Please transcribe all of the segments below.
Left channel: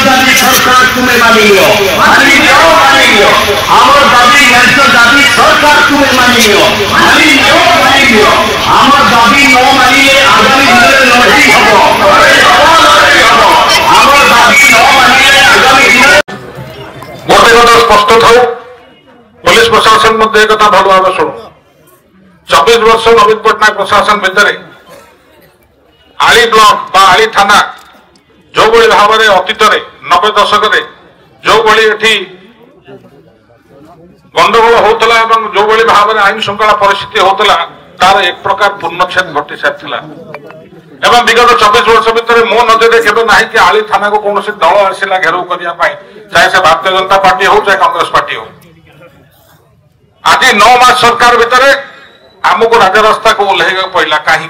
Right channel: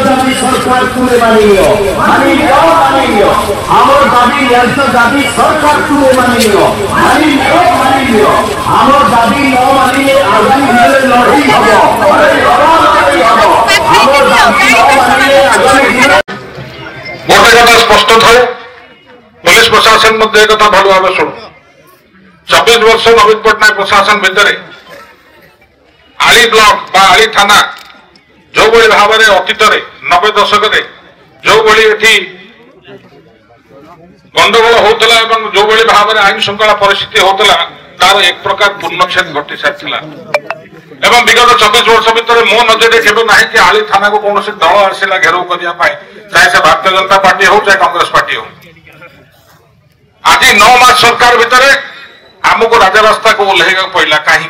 दाबी सरकार तुम्हें मानियो मानियो आमर दाबी न्याय्य दाबी सरकार तुम्हें मानियो मानियो आमर दाबी न मानिले आगामी दिन में लड़ाई हबो आमर दाबी न मानिले आगामी दिन गोटे कथा स्पष्ट था पुलिस प्रशासन मध्य कथा भल भाव शुणु 24 वर्ष नवीन पट्टनायक प्रशासन भितर आली ब्लॉक बा आली थाना जो भाई भाव में अतीत 90 दशक जो भाई गंडगोल होता जो भाई भाव में आईन श्रृंखला परिस्थिति होता तार एक प्रकार पूर्णछेद घटी सारी एवं विगत 24 वर्ष भितर मो नजर केवे ना कि आली थाना को कौन दल आसला घेराव करने चाहे से भारतीय जनता पार्टी हो चाहे कांग्रेस पार्टी हो आज 9 मास सरकार भितर आमको राजरास्ता को ओह्लैवा पड़ा कहीं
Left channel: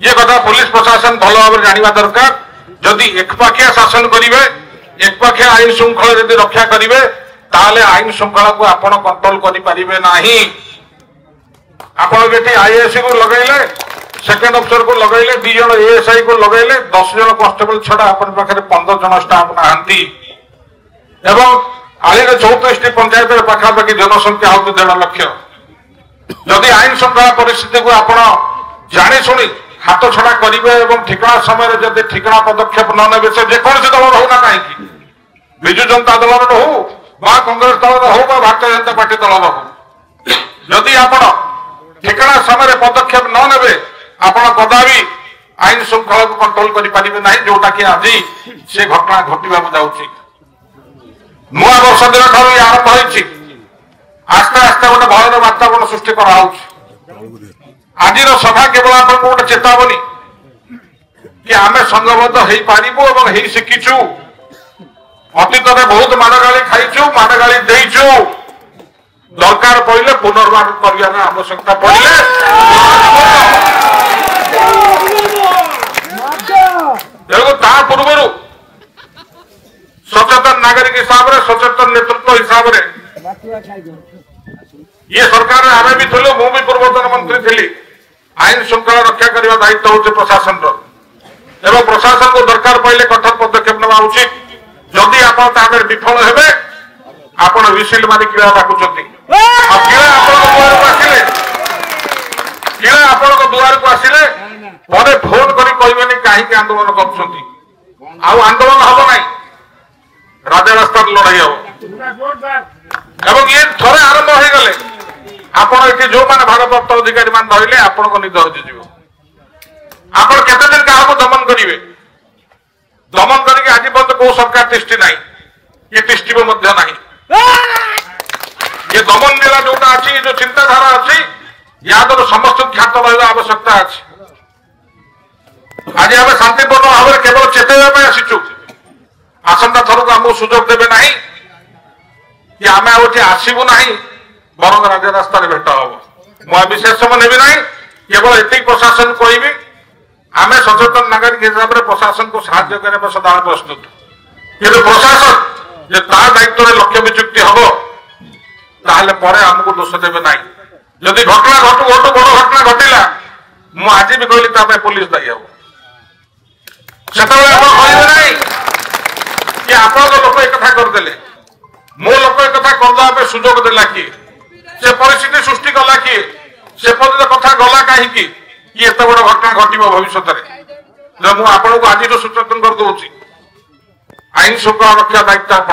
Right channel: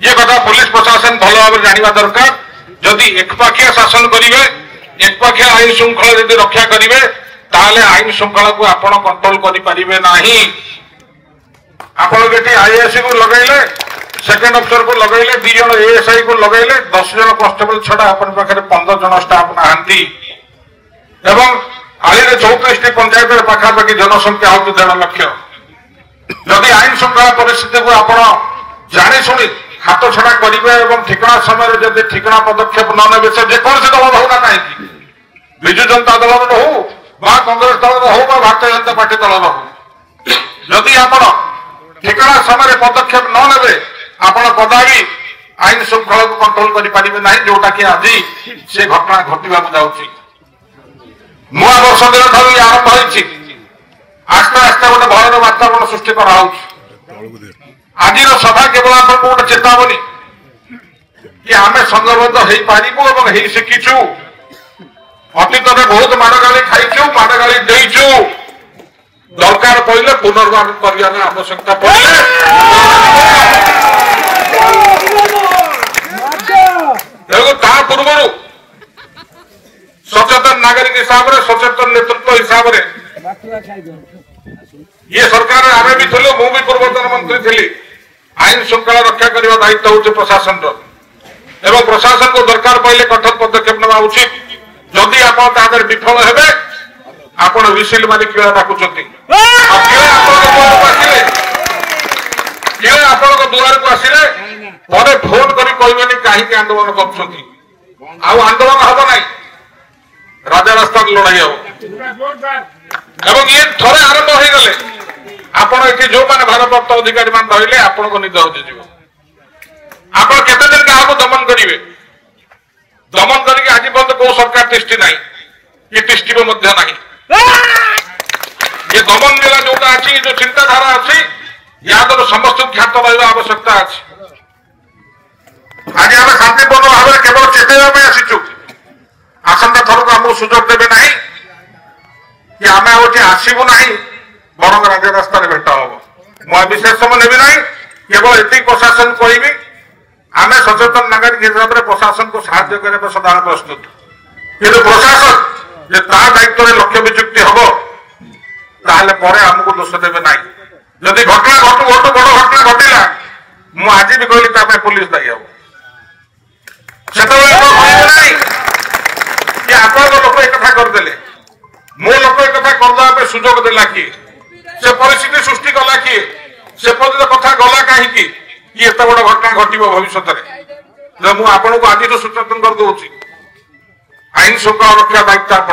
ये कथा पुलिस प्रशासन भल भाव जाना दरकार जदि एकपाखिया शासन करेंगे एकपाखिया आईन श्रृंखला यदि रक्षा करेंगे ताले आईन श्रृंखला को आपण कंट्रोल करें ना आपण आईएएस को लगेले सेकेंड अफिसर को लगेले 2 जन एएसआई को लगेले 10 जन कन्स्टेबल छड़ा अपन पाखे 15 जन स्टाफ नहांती एवं आली 34 पंचायत पाखापाखि जनसंख्या हो 1.5 लाख जदि आईन श्रृंखला परिस्थिति को आपण जानी शुणी हाथ छड़ा करेंगे और ठिकना समय जब ठिकना पदक्षेप न ने से जेकोसी दल होना कहीं विजु जनता दल हो कांग्रेस दल हो भारतीय जनता पार्टी दल हो जदि आप ठिकना समय पदक्षेप न ने आपण कदापि आईन श्रृंखला को कंट्रोल करें ना जोटा कि आज से घटना घटवा जाऊँगी नुआ वर्ष दिन ठार आरंभ हो आस्ते आस्ते गोटे भयर वातावरण सृष्टि करा आज सभा केवल आपको गोटे चेतावनी कि आम संगबद्ध हो पारू और शिखीचु अतीत में बहुत माड़ गाड़ी खाईचु माड़ गाड़ी देचु दरकार पड़े पुनर्वार कर आवश्यकता पड़े पूर्व सचेतन नागरिक हिसाब से सचेतन नेतृत्व हिसाब से ये सरकार आमे भी थे मु भी पूर्वतन मंत्री थी आईन श्रृंखला रक्षा करने दायित्व हूँ प्रशासन एवं प्रशासन को दरकार पड़े कठोर पदक्षेप ना उचित जदि आप विफल हे आपण विसिल मारी किड़ा डाकुंट आपण दुआर को आसिले पर फोन कर कहबे कहीं आंदोलन कर आंदोलन हम ना राजा रास्ता लड़ाई हम ये थे आरंभ हो गले आपण ये जो मैंने भारप्राप्त अधिकारी मान रही आपण को निद हजिज आप केते दिन क्या दमन करेंगे दमन करके आज पर्यंत कौ सरकार तिष्ठी ना ये तिष्ठिब ना ये दमन मेला जोटा अच्छी जो चिंताधारा अच्छी या तो समस्त ख्यात रहा आवश्यकता अच्छी आज आम शांतिपूर्ण भाव में केवल चेतवा आसीचु आसंता थर को आमको सुजोग देवे ना कि आम आसबू ना बर राज रास्ता भेट हम मुझे विशेष समय नेबी ना केवल ये प्रशासन कहबी आम सचेतन नागरिक हिसाब से प्रशासन को साहाय्य करने सदा प्रस्तुत कि प्रशासन दायित्व में लक्ष्य विचुक्ति हम आमको दोष देवे ना जदि घटना घटू घटू बड़ घटना घटला मुझे आज भी कहली पुलिस दायी हम कि आप लोक एक करदे मो लोक एक करदे सुजोग देला किए से परिस्थिति सृष्टि कला किए से कथा गला कहीं एत बड़ घटना घट भविष्य में मुझे आपको आज सूचना कर दूसरी आईन श्रृंखला रक्षा दायित्व आप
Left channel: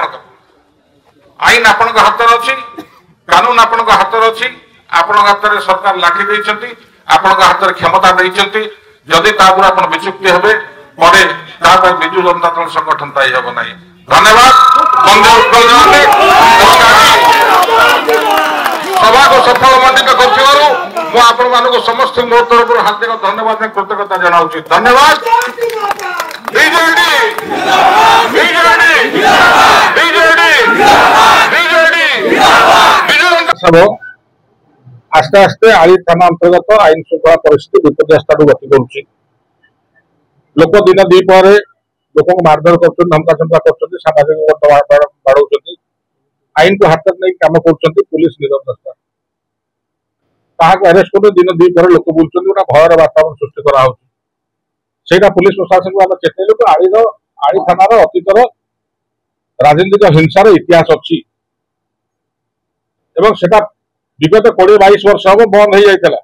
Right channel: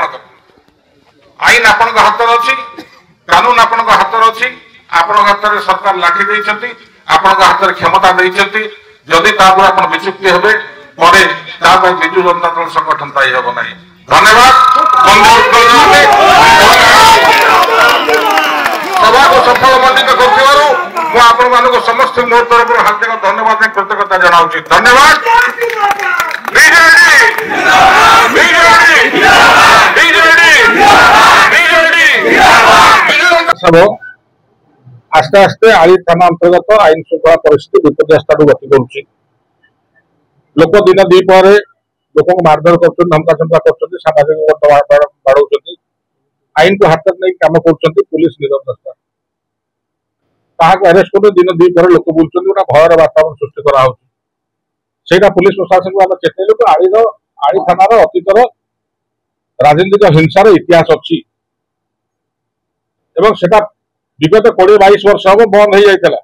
आईन आपण हाथ अच्छी कानून आपण हाथ अच्छी आपण हाथ में सरकार लाठी देती आपण हाथ में क्षमता देती जदि आप विचुक्ति हे विजु जनता दल संगठन दायी हम ना धन्यवाद सभा को सफल मंडित कर समस्त मोर तरफ हार्दिक धन्यवाद कृतज्ञता जनाऊँ धन्यवाद सब आस्ते आस्ते आली थाना अंतर्गत आईन श्रृंखला परिस्थिति विपर्यस्त गति कर लोक दिन दीपर लोक मारधर कर धमका चमका कर सामाजिक बाढ़ आईन को हाथ नहीं कम कर पुलिस निरवता अरेस्ट कर दिन दीपर लोक बुलूँ गोटे भयर वातावरण सृष्टि करा पुलिस प्रशासन को आम चेतलु आलीर ଆଳି ଥାନାର ଅତୀତର ରାଜନୈତିକ ହିଂସାର ଇତିହାସ ଅଛି ଏବଂ ସେଟା ବିଗତ 20-22 ବର୍ଷ ହବ ବନ୍ଦ ହେଇଯାଇଥିଲା।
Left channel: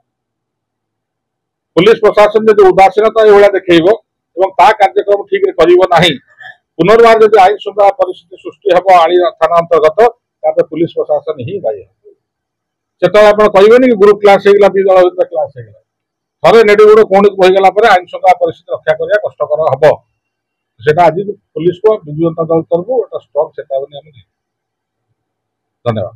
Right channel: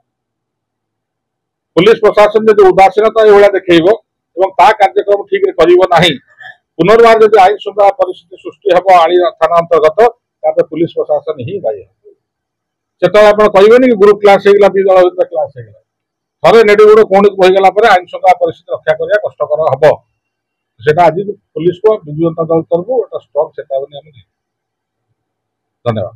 पुलिस प्रशासन जो उदासीनता ये देखो और ता कार्यक्रम ठीक कर पुनर्वार जो आईन श्रृंखला परिस्थिति सृष्टि हम आली थाना अंतर्गत पुलिस प्रशासन ही दायी से आप कहे कि ग्रुप क्लास होगा दी दल भर क्लास होगा थे नेडुगुड़ कौन होगा आईन श्रृंखला परिस्थिति रक्षा करने कष्टर हम से आज पुलिस को विजु जनता दल तरफ गोटे स्ट्रंग चेतावनी धन्यवाद।